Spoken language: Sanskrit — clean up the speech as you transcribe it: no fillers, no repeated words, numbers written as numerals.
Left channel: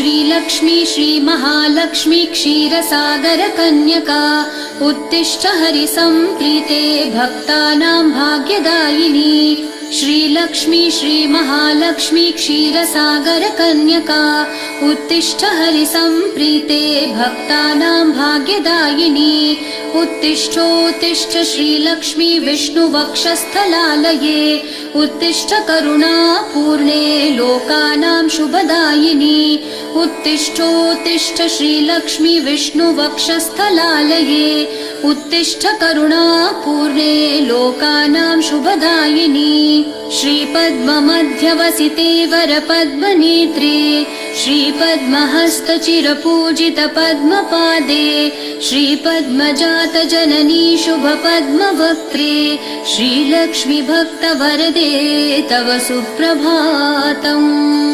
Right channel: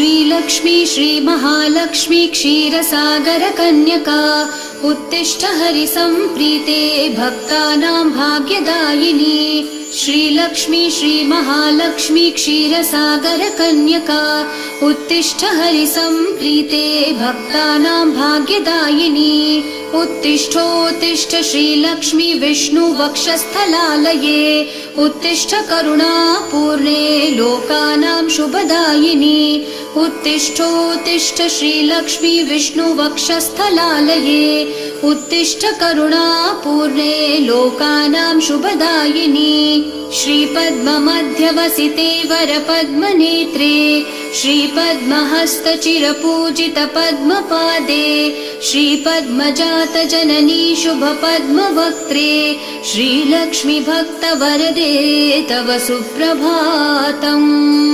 श्रीलक्ष्मी श्रीमहालक्ष्मी क्षीरसागरकन्यका उत्तिष्ठ हरिसम्प्रीते भक्तानां भाग्यदायिनी। श्रीलक्ष्मी श्रीमहालक्ष्मी क्षीरसागरकन्यका उत्तिष्ठ हरिसम्प्रीते भक्तानां भाग्यदायिनी। उत्तिष्ठोत्तिष्ठ श्रीलक्ष्मी विष्णुवक्षस्थलालये उत्तिष्ठ करुणापूर्णे लोकानां शुभदायिनी। उत्तिष्ठोत्तिष्ठ श्रीलक्ष्मी विष्णुवक्षस्थलालये उत्तिष्ठ करुणापूर्णे लोकानां शुभदायिनी। श्रीपद्ममध्यवसिते वरपद्मनेत्रे श्रीपद्महस्तचिरपूजित पद्मपादे श्रीपद्मजातजननी शुभपद्मवक्त्रे श्रीलक्ष्मी भक्तवरदे तव सुप्रभातम्।